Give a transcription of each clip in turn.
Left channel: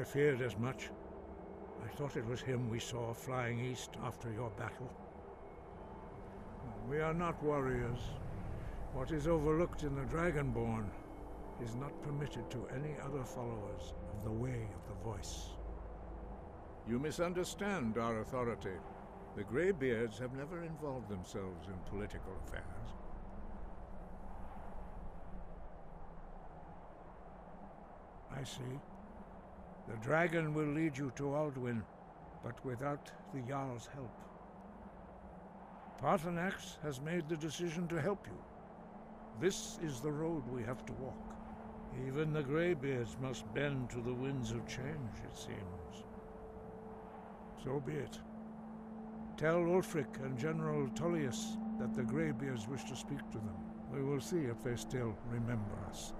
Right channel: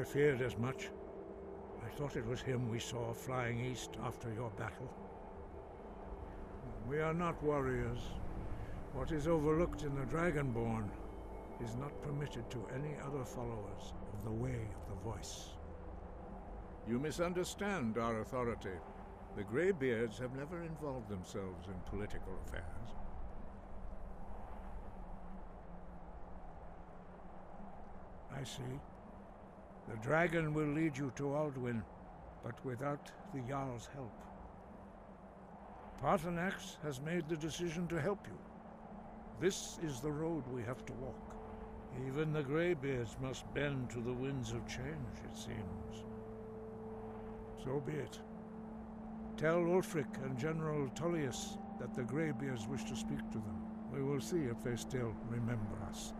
I feared as much. I thought it was him we saw flying east after your battle. We are not warriors. What is overlooked in the Dragonborn is not permitted to any other followers of the Way of the Voice. You misunderstand our authority. The Greybeards have never involved themselves in political affairs. I see. The dragon will lead you to Alduin, but without the Jarl's help. Paarthurnax has made the decision to help you. This is the road we have to walk. Even the Greybeards must bend to the winds of change, it seems. So be it. Tell Ulfric and General Tullius that the Greybeards wish to speak to them. We will see if they still remember us.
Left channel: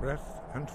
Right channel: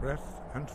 Breath and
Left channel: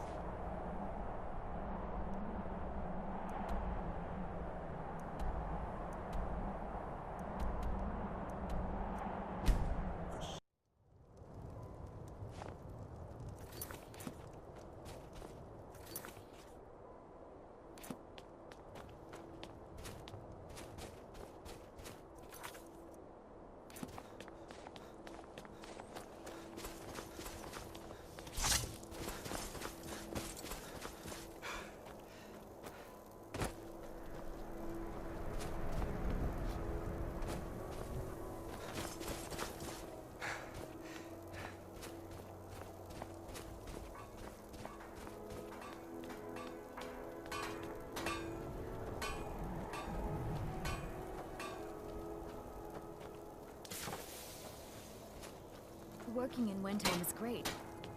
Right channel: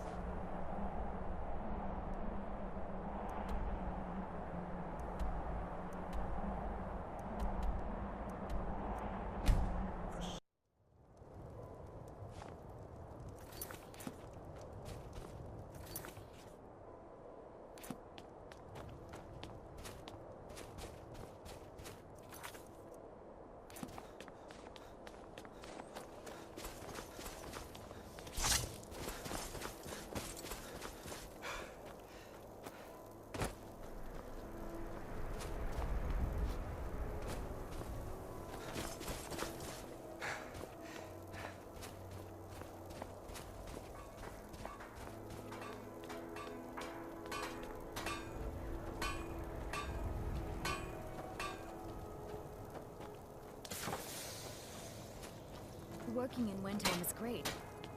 Working in Windhelm is great.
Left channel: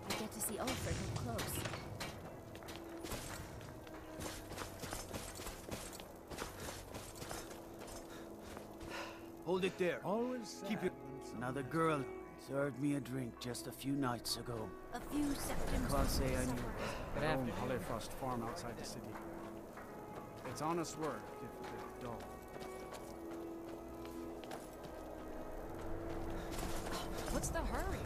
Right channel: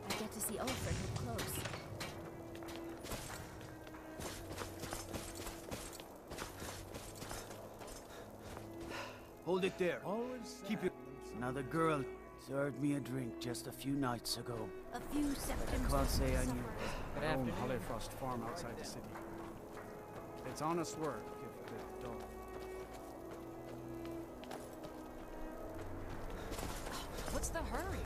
I get to see Ulfric up close. Hold it there. always Keep it. Another girl served me a drink just a few nights ago. A few septims. I can't say I knew her. Good afternoon. Hollyfrost farm outside the city. It's honest work, if a bit dull. What's the hurry?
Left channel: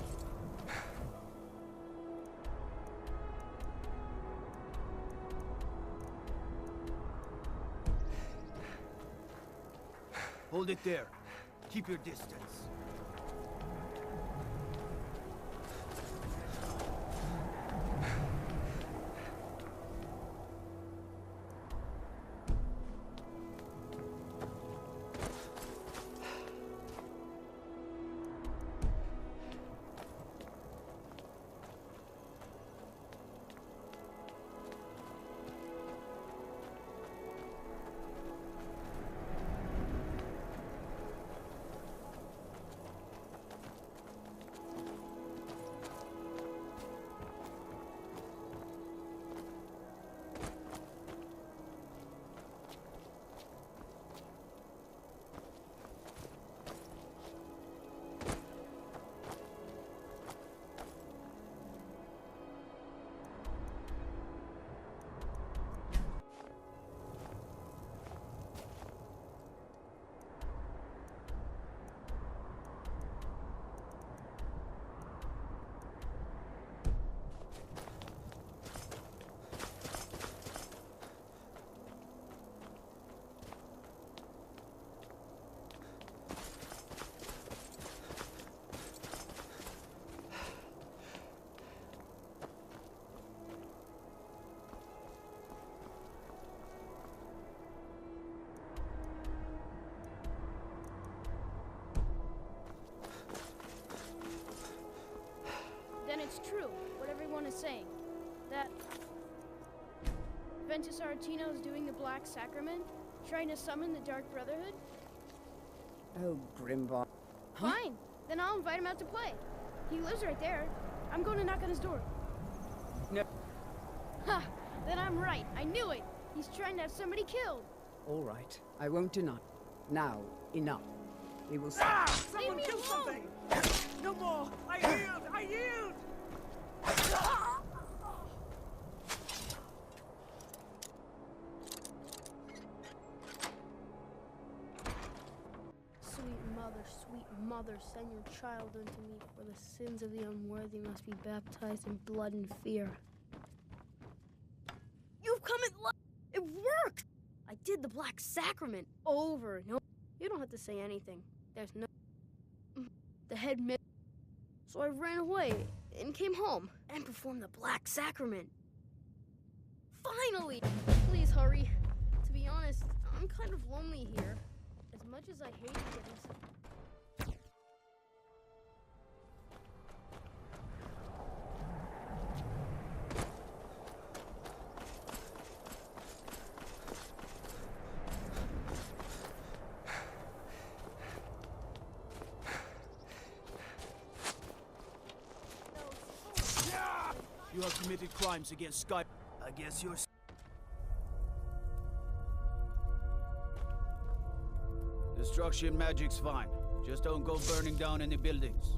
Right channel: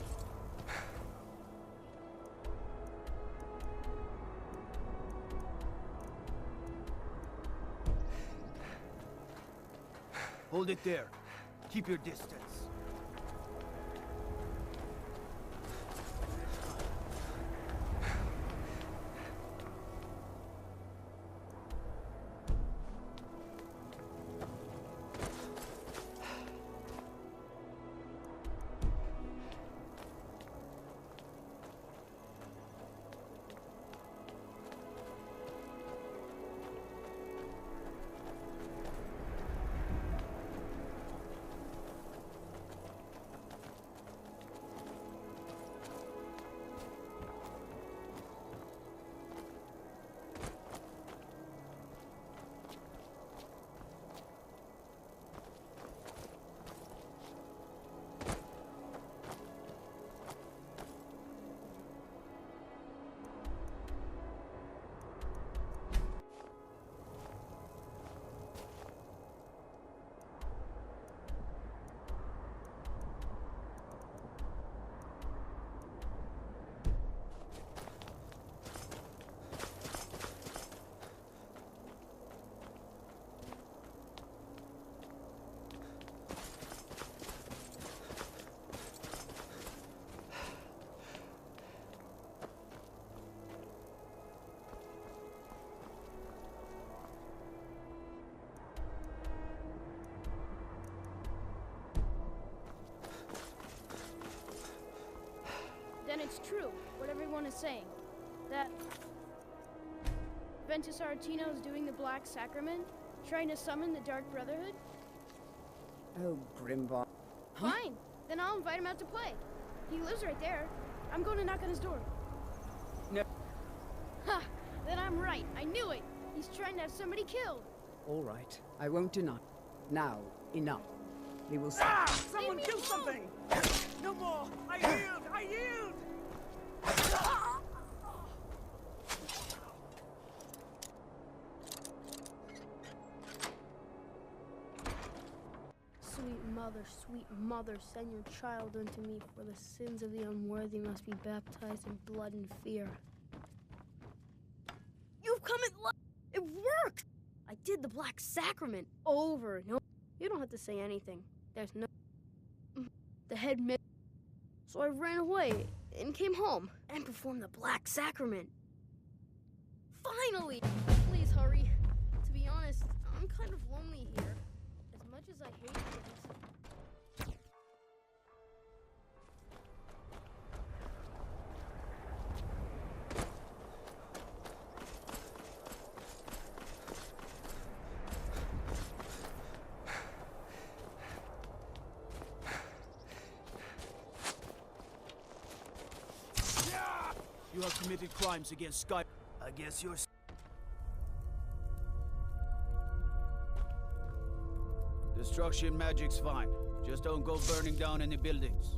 Hold it there. Keep your distance. Then it's true, what everyone is saying. That Ventus Aretino is doing the Black Sacrament, trying to summon the Dark Brotherhood? Oh, Grimbar. Huh? Fine, then I'll invite him out to play. He lives right there. I'm going to knock on his door. No. Ha! Then I'm right. I knew it. He's trying to have somebody killed. All right, I won't deny. Now, enough. We will see. Someone kill something! No more! I yield! I yield! Sweet mother. Father, sweet mother, send your child unto me, for the sins of the unworthy must be baptized in blood and fear. You've come at last! It worked! I did the Black Sacrament over and over. You don't have to say anything. There's no... The head missed. So I ran away and came home and performed the Black Sacrament. Finally! Please hurry. To be honest, I'm kind of lonely here. As much as I hate things. You have committed crimes against Sky. I guess you're... Destruction magic's fine. Just don't go burning down any buildings.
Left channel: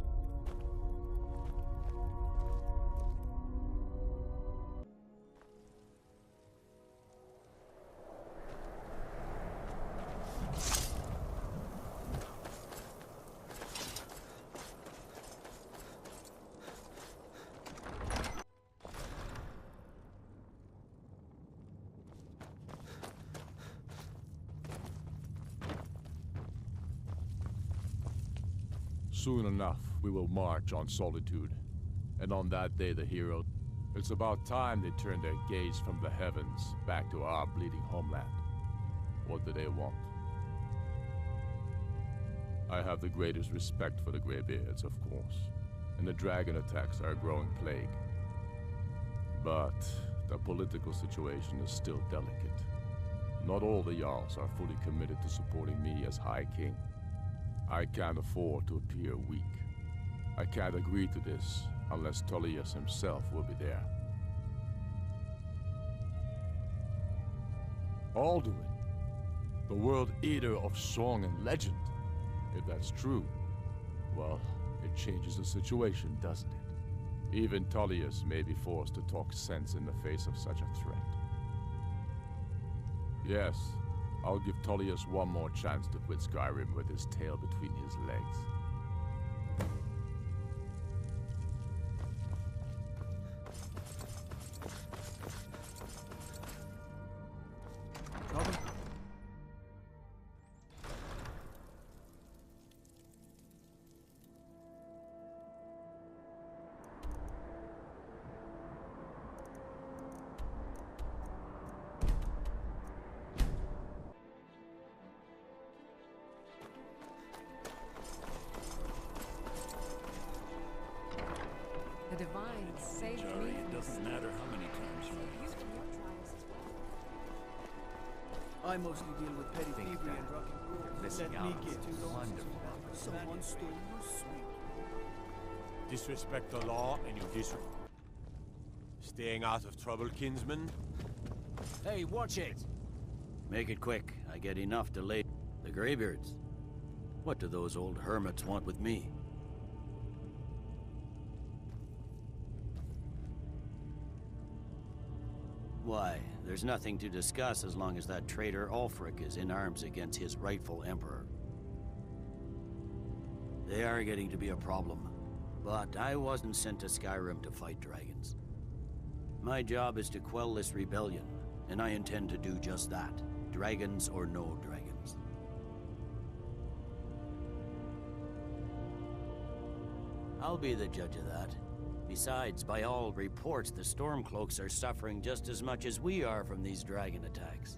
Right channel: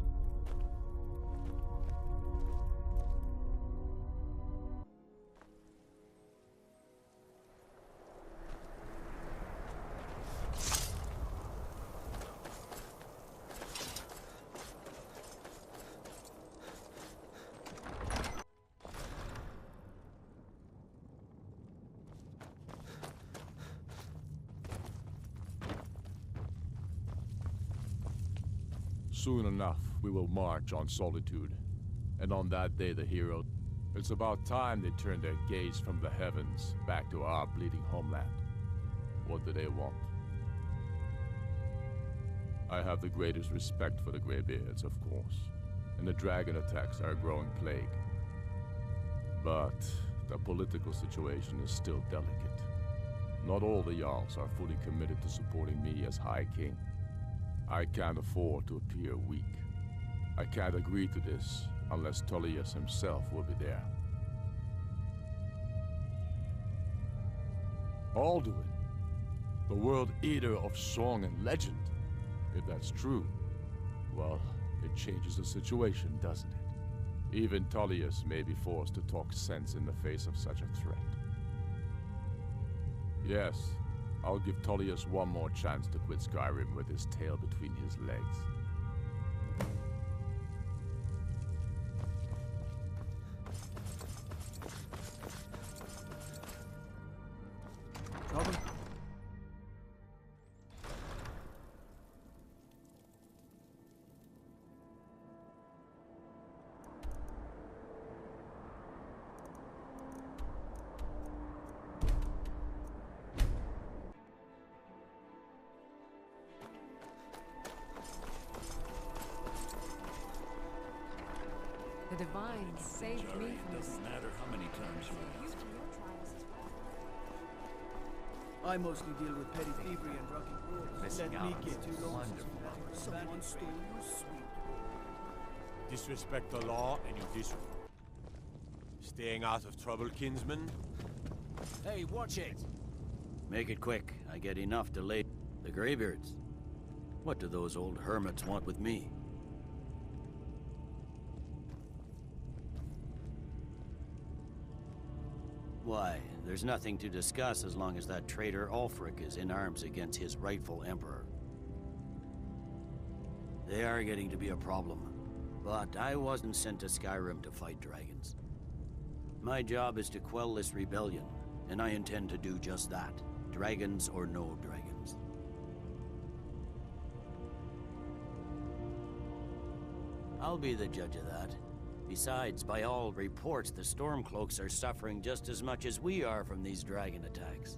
Soon enough, we will march on Solitude. And on that day, the hero... It's about time they turn their gaze from the heavens back to our bleeding homeland. What do they want? I have the greatest respect for the Greybeards, of course. And the dragon attacks are a growing plague. But the political situation is still delicate. Not all the Jarls are fully committed to supporting me as High King. I can't afford to appear weak. I can't agree to this unless Tullius himself will be there. Alduin, the World Eater of song and legend. If that's true, well, it changes the situation, doesn't it? Even Tullius may be forced to talk sense in the face of such a threat. Yes, I'll give Tullius one more chance to quit Skyrim with his tail between his legs. Trouble? The Divines saved me Jari, it from doesn't matter how many times you ask. I mostly deal with petty thievery and drunken rules. missing Let me out. get too lonesome. Wonderful Someone stole your sweet. Disrespect the law and you staying out of trouble, kinsman? Hey, watch it! Make it quick. I get enough to lay... The Greybeards. What do those old hermits want with me? Why, there's nothing to discuss as long as that traitor Ulfric is in arms against his rightful emperor. They are getting to be a problem. But I wasn't sent to Skyrim to fight dragons. My job is to quell this rebellion, and I intend to do just that. Dragons or no dragons. I'll be the judge of that. Besides, by all reports, the Stormcloaks are suffering just as much as we are from these dragon attacks.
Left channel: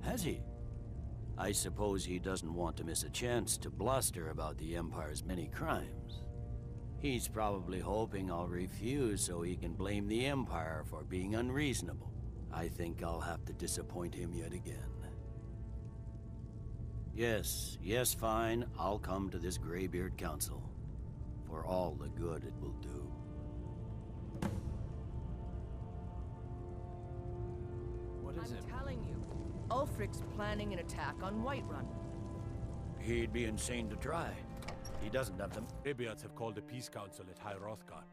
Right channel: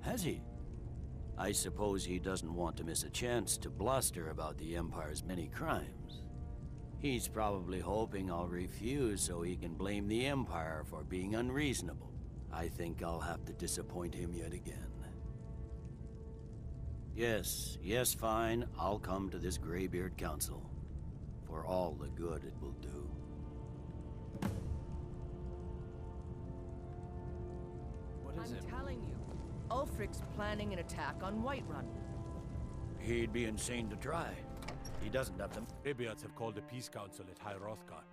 Has he? I suppose he doesn't want to miss a chance to bluster about the Empire's many crimes. He's probably hoping I'll refuse so he can blame the Empire for being unreasonable. I think I'll have to disappoint him yet again. Yes, fine. I'll come to this Greybeard Council. For all the good it will do. What is it? I'm telling you, Ulfric's planning an attack on Whiterun. He'd be insane to try. He doesn't have them. Greybeards have called a peace council at High Hrothgar.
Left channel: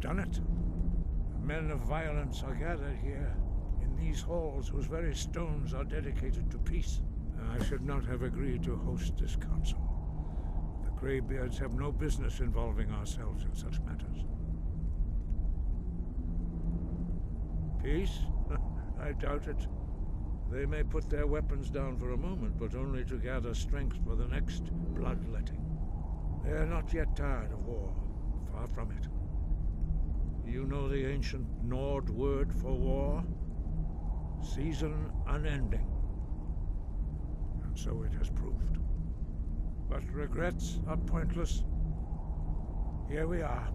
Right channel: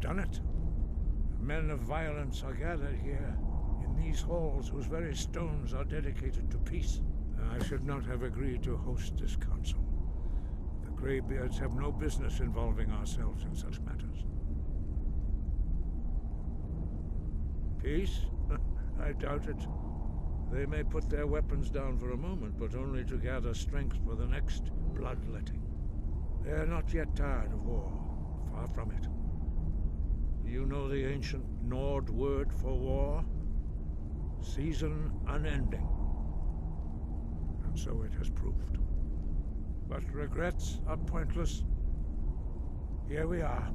have done it. Men of violence are gathered here, in these halls whose very stones are dedicated to peace. I should not have agreed to host this council. The Greybeards have no business involving ourselves in such matters. Peace? I doubt it. They may put their weapons down for a moment, but only to gather strength for the next bloodletting. They are not yet tired of war. Far from it. You know the ancient Nord word for war? Season unending. And so it has proved. But regrets are pointless. Here we are.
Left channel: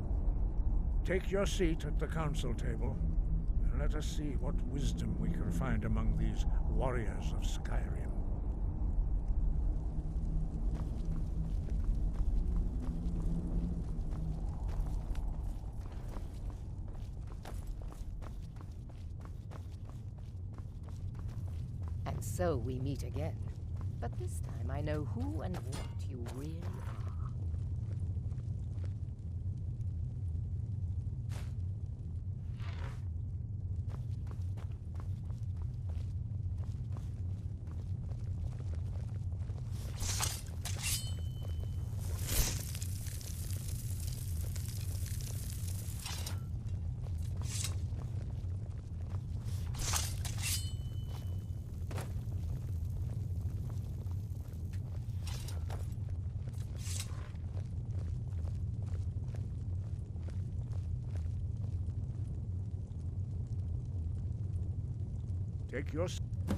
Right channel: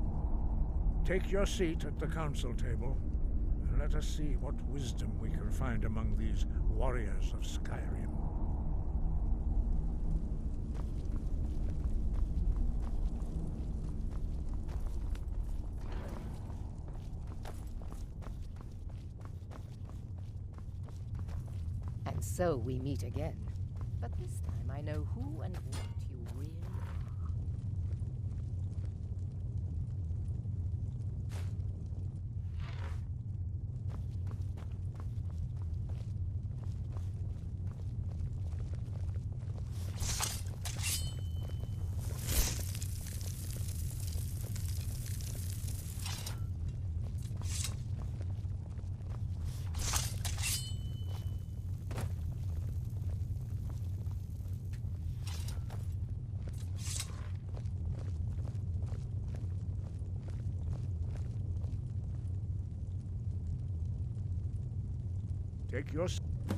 Take your seat at the council table, and let us see what wisdom we can find among these warriors of Skyrim. And so we meet again. But this time I know who and what you really are.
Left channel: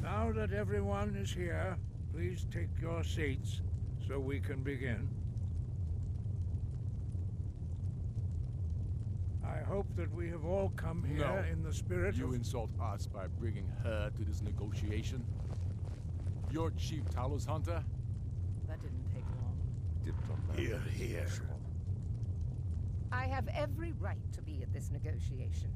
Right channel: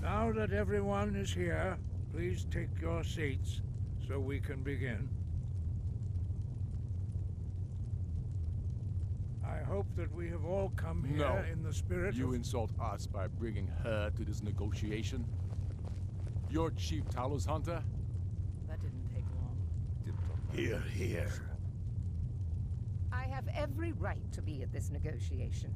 Now that everyone is here, please take your seats so we can begin. I hope that we have all come here in the spirit You of... insult us by bringing her to this negotiation? You're Chief Talos Hunter? That didn't take long. Here, here. I have every right to be at this negotiation.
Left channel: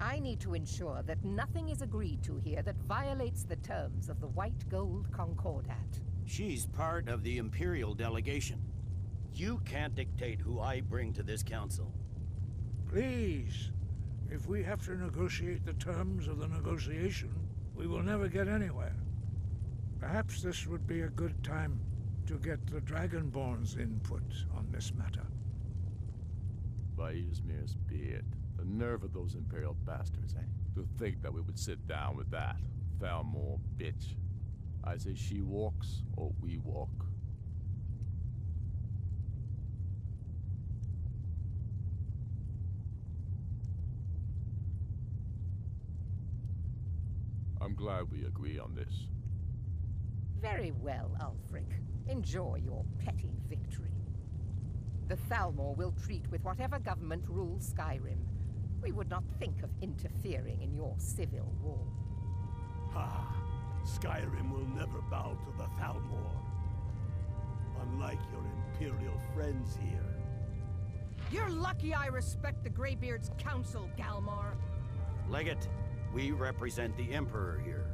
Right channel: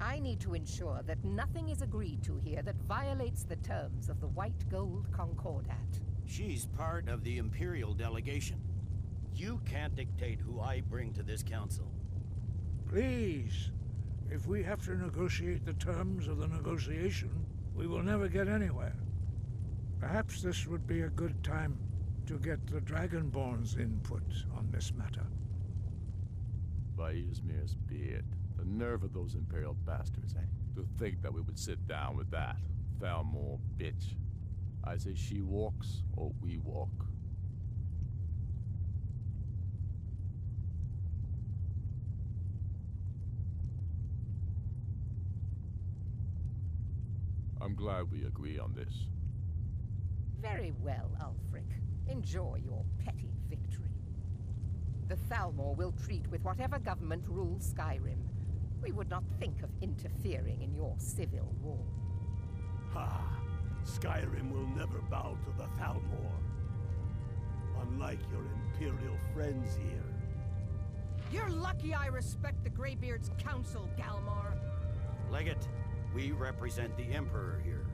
I need to ensure that nothing is agreed to here that violates the terms of the White Gold Concordat. She's part of the Imperial delegation. You can't dictate who I bring to this council. Please, if we have to negotiate the terms of the negotiation, we will never get anywhere. Perhaps this would be a good time to get the Dragonborn's input on this matter. By Izmir's beard. The nerve of those Imperial bastards, eh? To think that we would sit down with that Thalmor bitch. I say she walks, or we walk. I'm glad we agree on this. Very well, Ulfric. Enjoy your petty victory. The Thalmor will treat with whatever government rules Skyrim. We would not think of interfering in your civil war. Ha! Skyrim will never bow to the Thalmor. Unlike your Imperial friends here. You're lucky I respect the Greybeard's council, Galmar. Legate, we represent the Emperor here.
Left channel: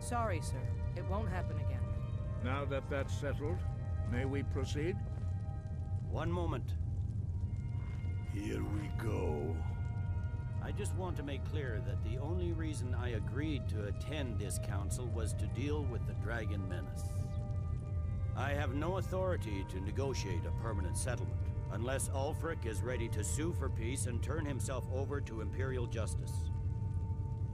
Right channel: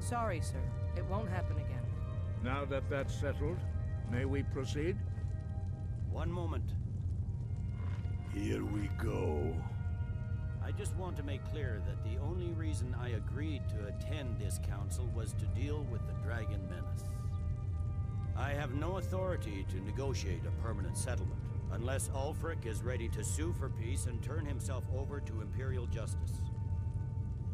Sorry, sir. It won't happen again. Now that that's settled, may we proceed? One moment. Here we go. I just want to make clear that the only reason I agreed to attend this council was to deal with the Dragon Menace. I have no authority to negotiate a permanent settlement, unless Ulfric is ready to sue for peace and turn himself over to Imperial justice.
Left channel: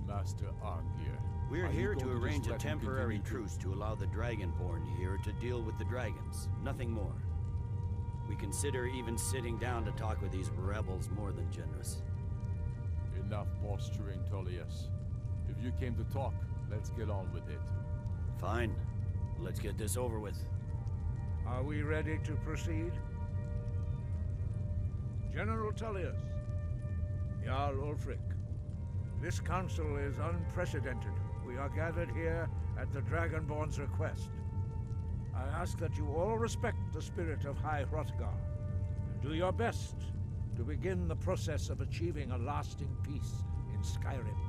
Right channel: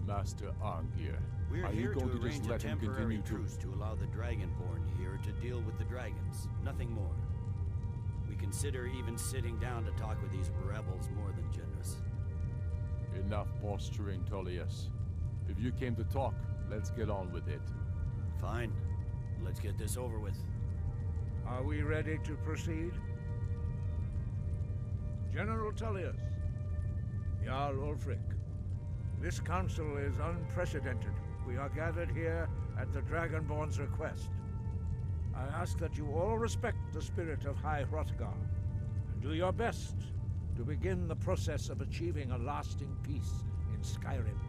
Master Arngir, We're here to just arrange a let him temporary continue truce to allow the Dragonborn here to deal with the dragons, nothing more. We consider even sitting down to talk with these rebels more than generous. Enough posturing, Tullius. If you came to talk, let's get on with it. Fine. Let's get this over with. Are we ready to proceed? General Tullius, Jarl Ulfric, this council is unprecedented. We are gathered here at the Dragonborn's request. I ask that you all respect the spirit of High Hrothgar, and do your best to begin the process of achieving a lasting peace in Skyrim.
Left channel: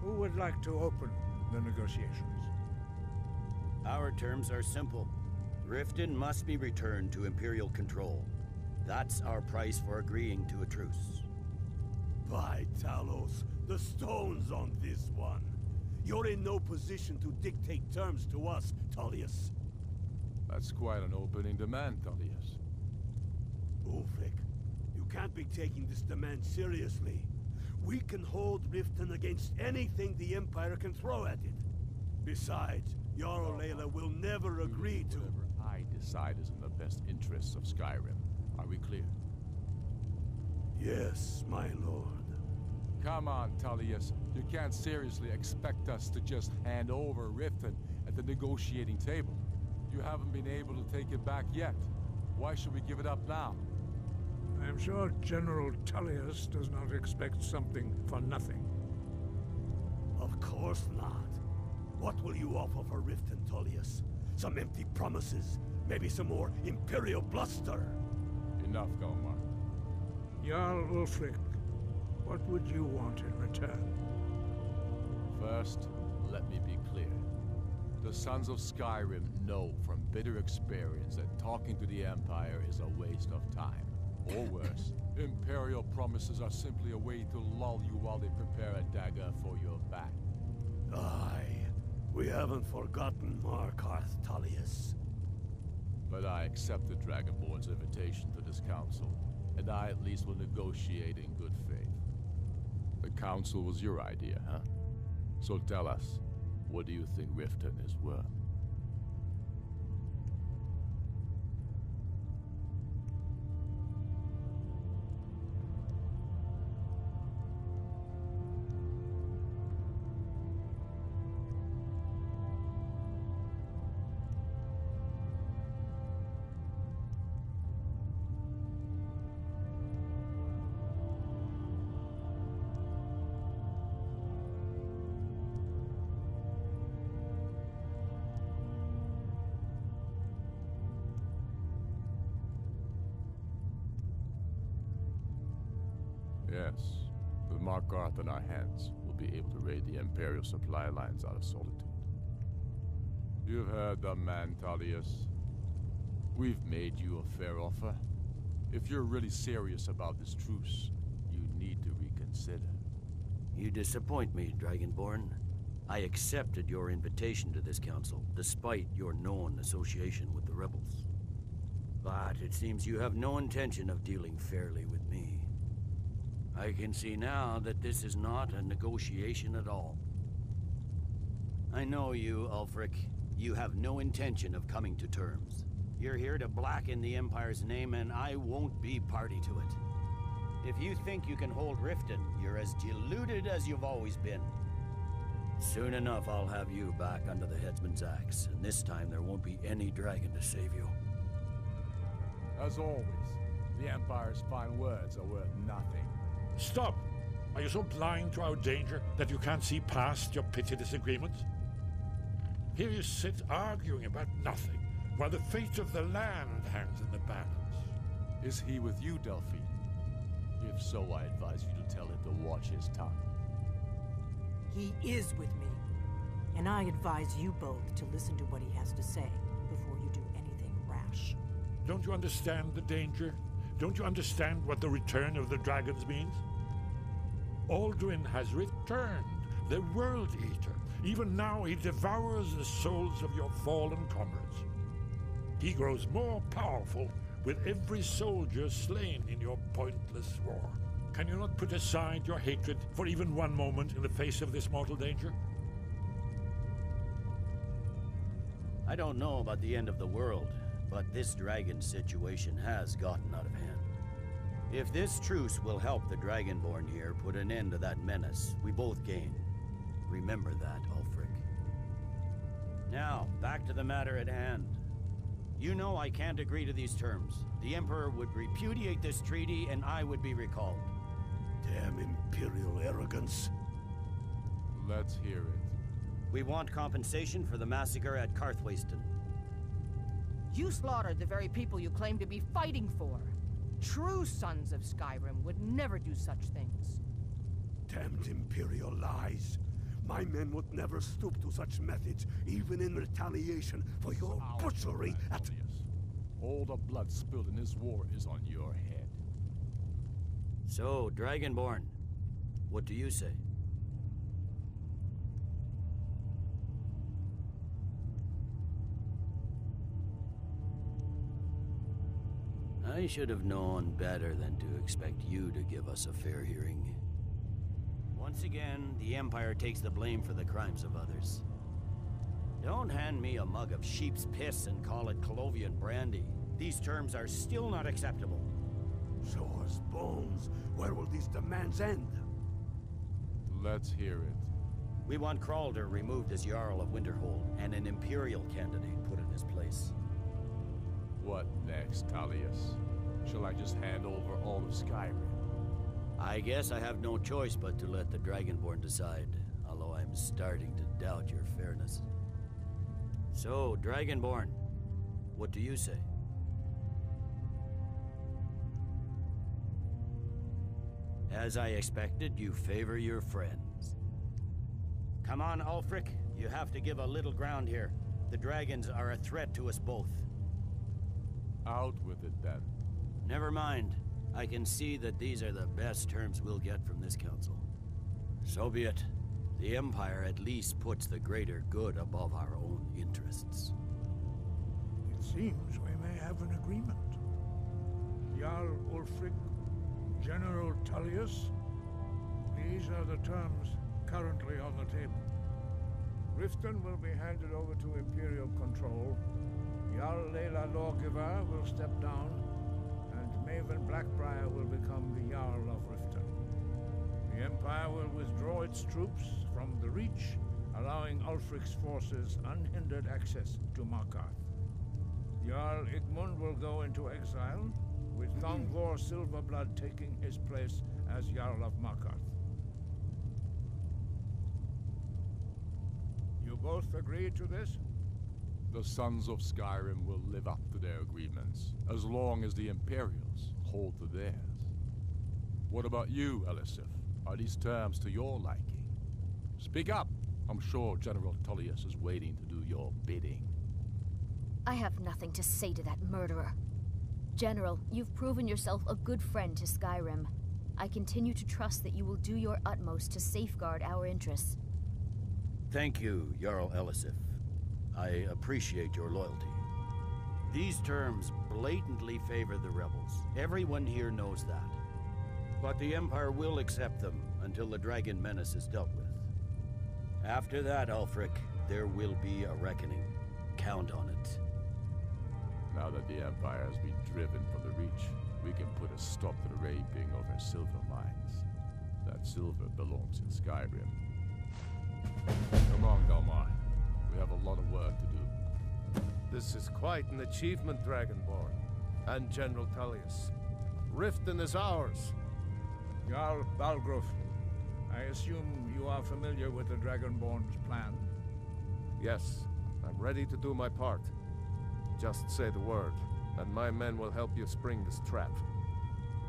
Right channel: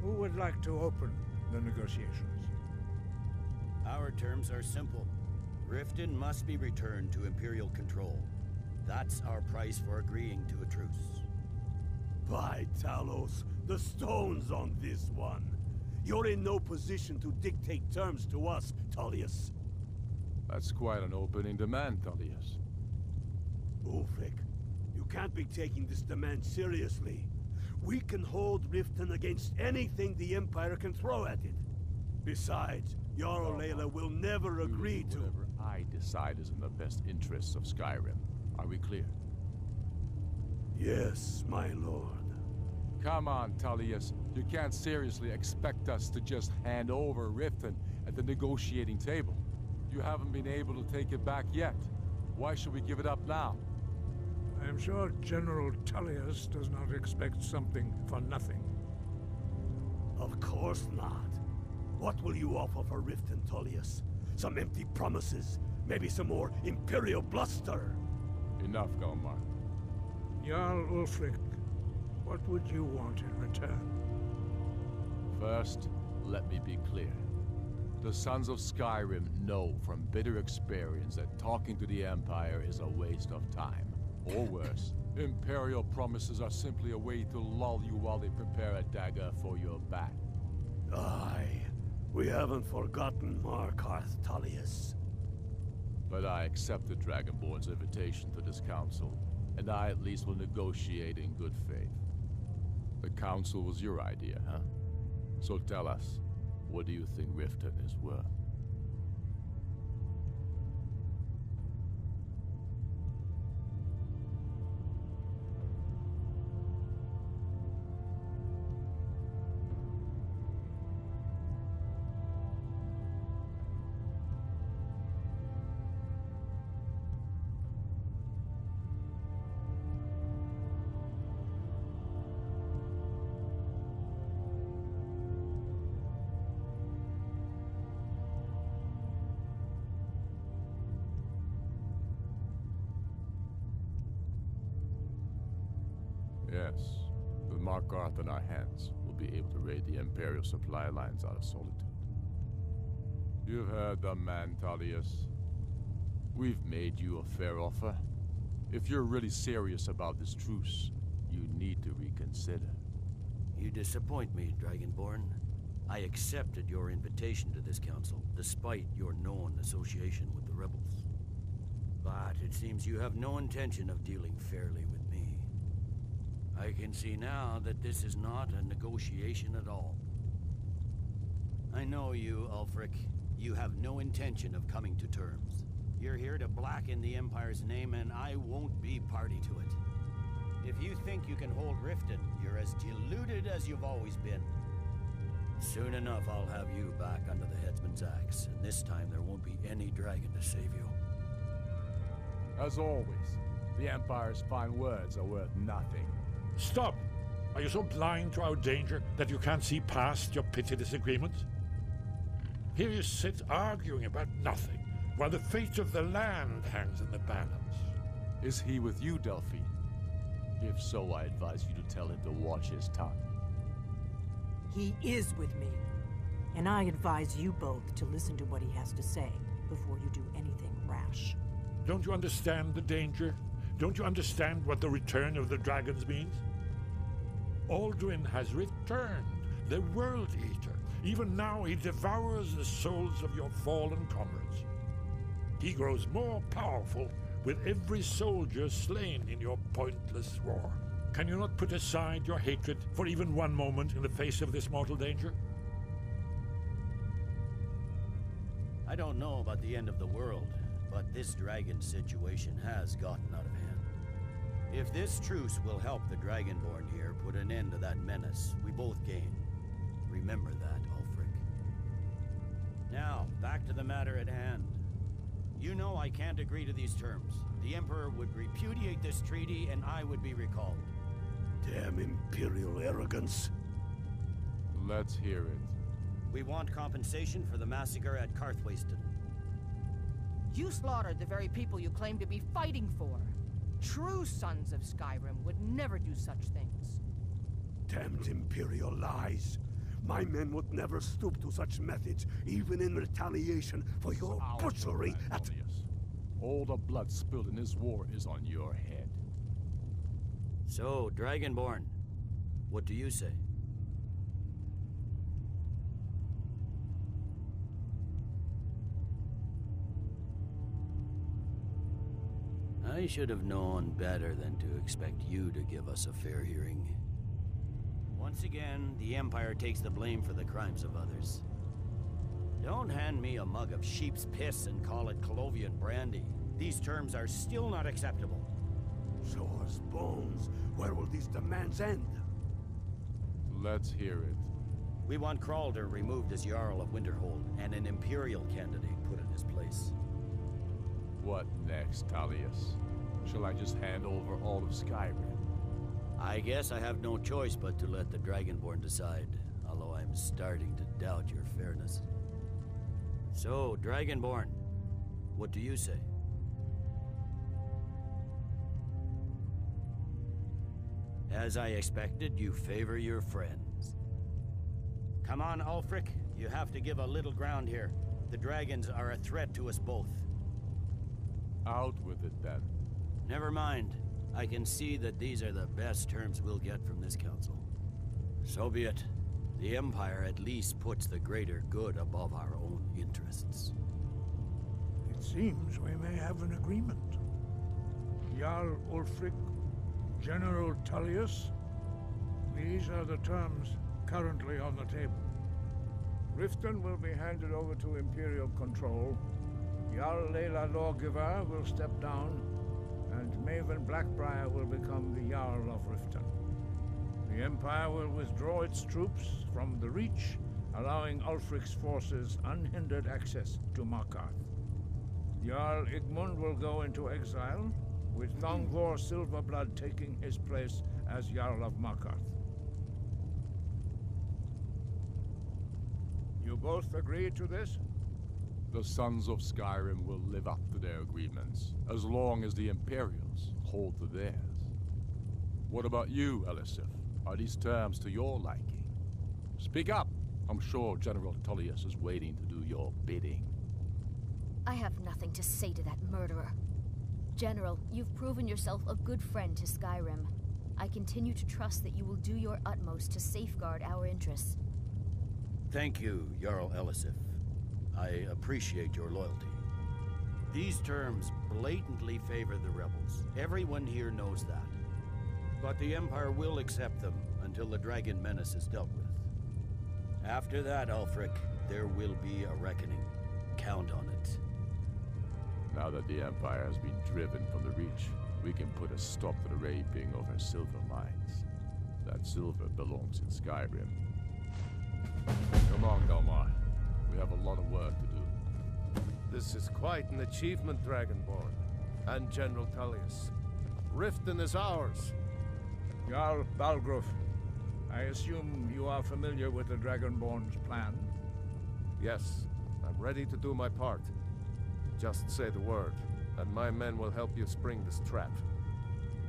Who would like to open the negotiations? Our terms are simple. Riften must be returned to Imperial control. That's our price for agreeing to a truce. By Talos, the stone's on this one. You're in no position to dictate terms to us, Tullius. That's quite an opening demand, Tullius. Ulfric, you can't be taking this demand seriously. We can hold Riften against anything the Empire can throw at it. Besides, Jarl Layla will never agree to... Whatever I decide is in the best interests of Skyrim. Are we clear? Yes, my lord. Come on, Tullius. You can't seriously expect us to just hand over Riften at the negotiating table. You haven't been able to take it back yet. Why should we give it up now? I am sure General Tullius does not expect something for nothing. Of course not. What will you offer for Riften, Tullius? Some empty promises? Maybe some more Imperial bluster? Enough, Galmar. Jarl Ulfric, what would you want in return? First, let me be clear. The Sons of Skyrim know from bitter experience that talking to the Empire is a waste of time. Or worse, Imperial promises are simply a way to lull you while they prepare a dagger for your back. Aye, we haven't forgotten Markarth, Tullius. But I accept the Dragonborn's invitation to this council, and I at least will negotiate in good faith. The council was your idea, huh? So tell us, what do you think Riften is worth? Yes, with Markarth in our hands, we'll be able to raid the Imperial supply lines out of Solitude. You've heard the man, Tullius. We've made you a fair offer. If you're really serious about this truce, you need to reconsider. You disappoint me, Dragonborn. I accepted your invitation to this council, despite your known association with the rebels. But it seems you have no intention of dealing fairly with me. I can see now that this is not a negotiation at all. I know you, Ulfric. You have no intention of coming to terms. You're here to blacken the Empire's name, and I won't be party to it. If you think you can hold Riften, you're as deluded as you've always been. Soon enough, I'll have you back under the headsman's axe, and this time there won't be any dragon to save you. As always, the Empire's fine words are worth nothing. Stop! Are you so blind to our danger that you can't see past your petty disagreements? Here you sit arguing about nothing, while the fate of the land hangs in the balance. Is he with you, Delphine? If so, I advise you to tell him to watch his tongue. He is with me, and I advise you both to listen to what he has to say before you do anything rash. Don't you understand the danger? Don't you understand what the return of the dragons means? Alduin has returned, the World Eater. Even now he devours the souls of your fallen comrades. He grows more powerful with every soldier slain in your pointless war. Can you not put aside your hatred for even one moment in the face of this mortal danger? I don't know about the end of the world, but this dragon situation has gotten out of hand. If this truce will help the Dragonborn here put an end to that menace, we both gain. Remember that, Ulfric. Now, back to the matter at hand. You know I can't agree to these terms. The Emperor would repudiate this treaty, and I would be recalled. Damn Imperial arrogance. Let's hear it. We want compensation for the massacre at Karthwasten. You slaughtered the very people you claim to be fighting for. True sons of Skyrim would never do such things. Damned Imperial lies. My men would never stoop to such methods, even in retaliation for your butchery at... All the blood spilled in this war is on your head. So, Dragonborn, what do you say? I should have known better than to expect you to give us a fair hearing. Once again, the Empire takes the blame for the crimes of others. Don't hand me a mug of sheep's piss and call it Colovian brandy. These terms are still not acceptable. Sour's bones. Where will these demands end? Let's hear it. We want Kralder removed as Jarl of Winterhold, and an Imperial candidate put in his place. What next, Tullius? Shall I just hand over all of Skyrim? I guess I have no choice but to let the Dragonborn decide, although I'm starting to doubt your fairness. So, Dragonborn, what do you say? As I expected, you favor your friends. Come on, Ulfric. You have to give a little ground here. The dragons are a threat to us both. Out with it, then. Never mind. I can see that these are the best terms we'll get from this council. So be it. The Empire at least puts the greater good above our own interests. It seems we may have an agreement. Jarl Ulfric, General Tullius, these are the terms currently on the table. Riften will be handed over to Imperial control. Jarl Layla Lawgiver will step down, and Maven Blackbriar will become the Jarl of Riften. The Empire will withdraw its troops from the Reach, allowing Ulfric's forces unhindered access to Markarth. Jarl Igmund will go into exile, with Thongvor Silverblood taking his place as Jarl of Markarth. You both agree to this? The Sons of Skyrim will live up to their agreements, as long as the Imperials hold to theirs. What about you, Elisif? Are these terms to your liking? Speak up! I'm sure General Tullius is waiting to do your bidding. I have nothing to say to that murderer. General, you've proven yourself a good friend to Skyrim. I continue to trust that you will do your utmost to safeguard our interests. Thank you, Jarl Elisif. I appreciate your loyalty. These terms blatantly favor the rebels. Everyone here knows that. But the Empire will accept them until the Dragon Menace is dealt with. After that, Ulfric, there will be a reckoning. Count on it. Now that the Empire has been driven from the Reach, we can put a stop to the raping of our silver mines. That silver belongs in Skyrim. Come on, Dalmar. We have a lot of work to do. This is quite an achievement, Dragonborn. And General Tullius. Riften is ours. Jarl Balgruf, I assume you are familiar with the Dragonborn's plan? Yes, I'm ready to do my part. Just say the word, and my men will help you spring this trap.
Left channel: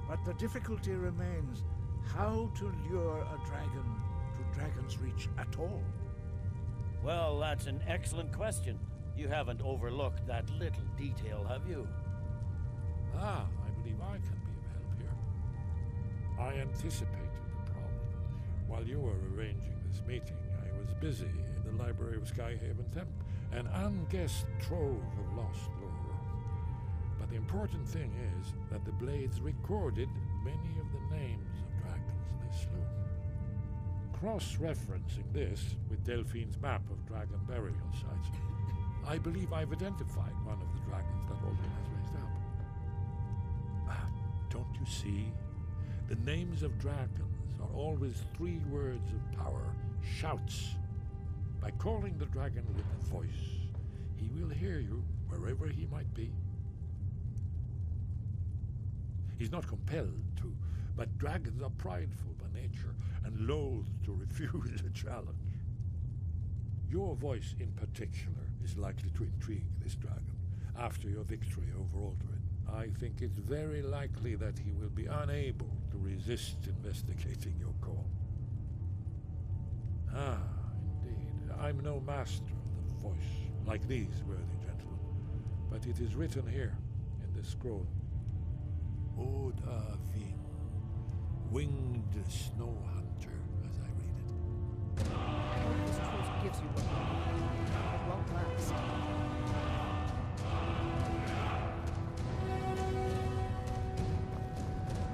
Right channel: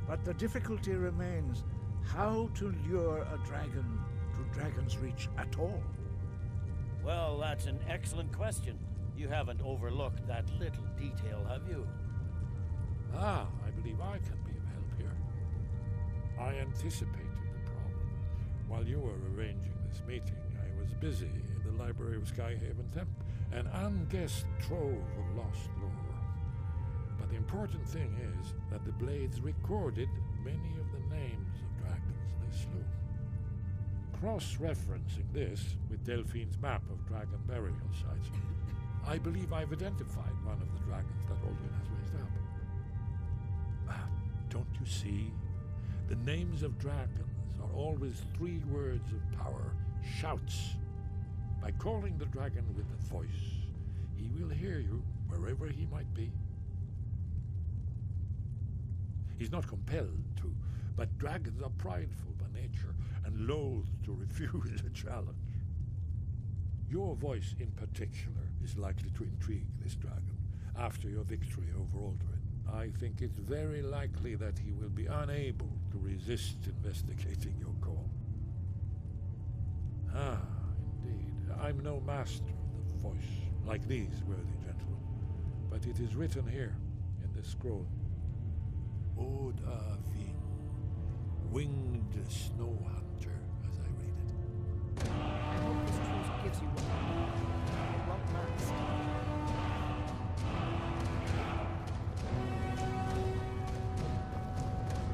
But the difficulty remains how to lure a dragon to Dragon's Reach at all. Well, that's an excellent question. You haven't overlooked that little detail, have you? Ah, I believe I can be of help here. I anticipated the problem. While you were arranging this meeting, I was busy in the library of Skyhaven Temp, an unguessed trove of lost lore. But the important thing is that the Blades recorded many of the names of dragons they slew. Cross-referencing this with Delphine's map of dragon burial sites, I believe I've identified one of the dragons that Alduin has raised up. Don't you see? The names of dragons are always 3 words of power, shouts. By calling the dragon with a voice, he will hear you wherever he might be. He's not compelled to, but dragons are prideful by nature and loath to refuse a challenge. Your voice in particular is likely to intrigue this dragon after your victory over Alduin. I think it's very likely that he will be unable to resist investigating your call. Ah, indeed. I'm no master of the voice, like these worthy gentlemen, but it is written here. the scroll. Ode Ving, winged snow hunter, as I read it. I hope this truce gives you what you need. It won't last.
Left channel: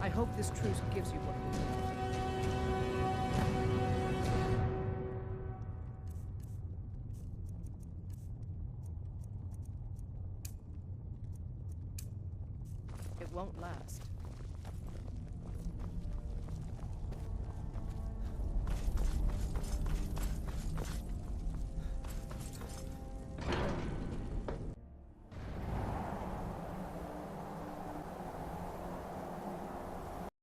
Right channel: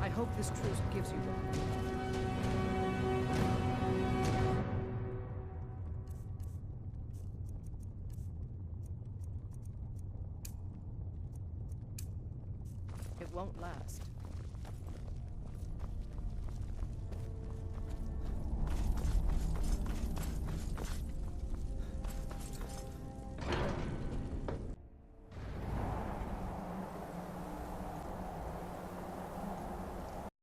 I hope this truce gives you what you need. It won't last.